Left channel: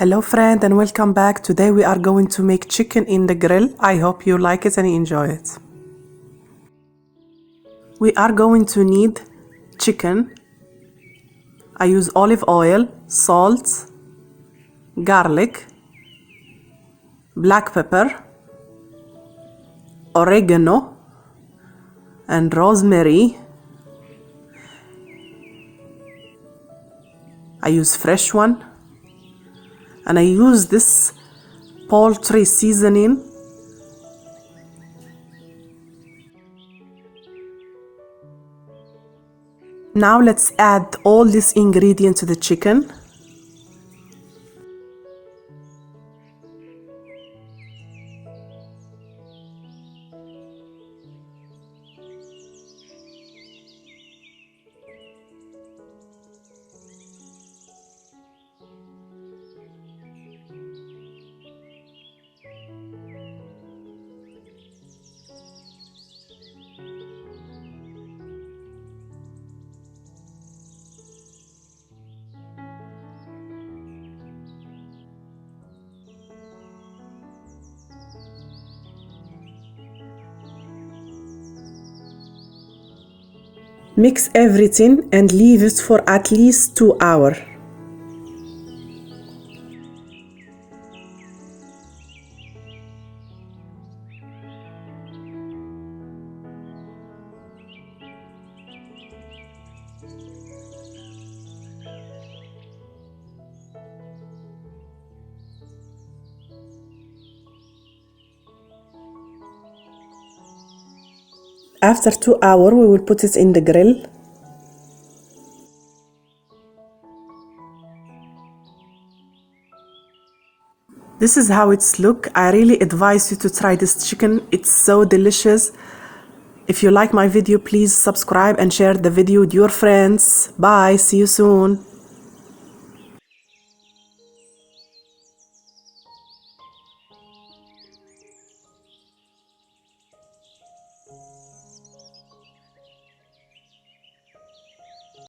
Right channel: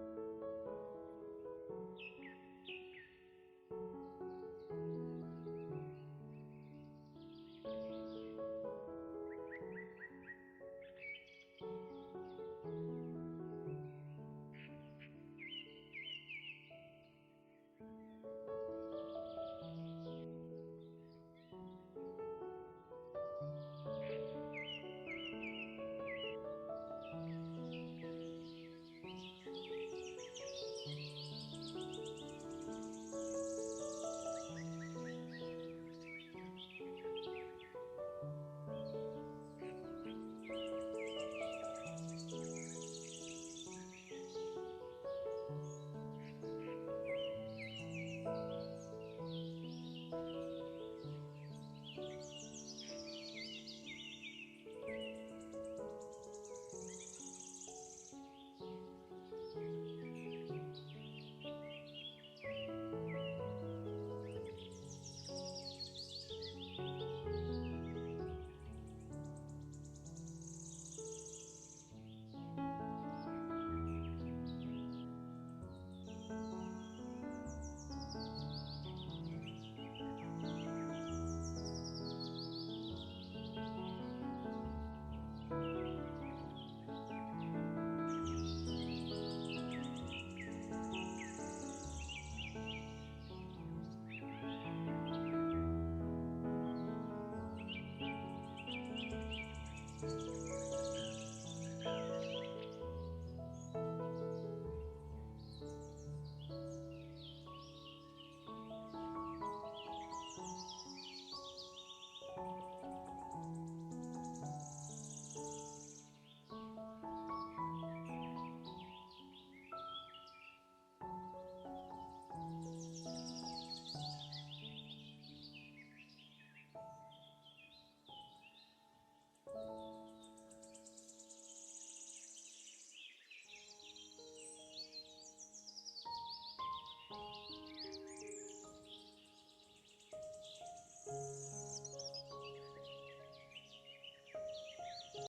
Hello friend and welcome back. Today we are going to make chicken in the grill. I hope you like it and you enjoy it. We are going to need chicken. I use olive oil, salt, garlic, black pepper, oregano and rosemary. I use fresh one. And I use this poultry seasoning. Now let's add all these ingredients to the chicken. Mix everything and leave it for at least 2 hours. After 2 hours, we will put it in the grill. This is how it's look. I really advise you to try this chicken. It's so delicious. If you like my video, please subscribe and share the video with your friends. Bye, see you soon.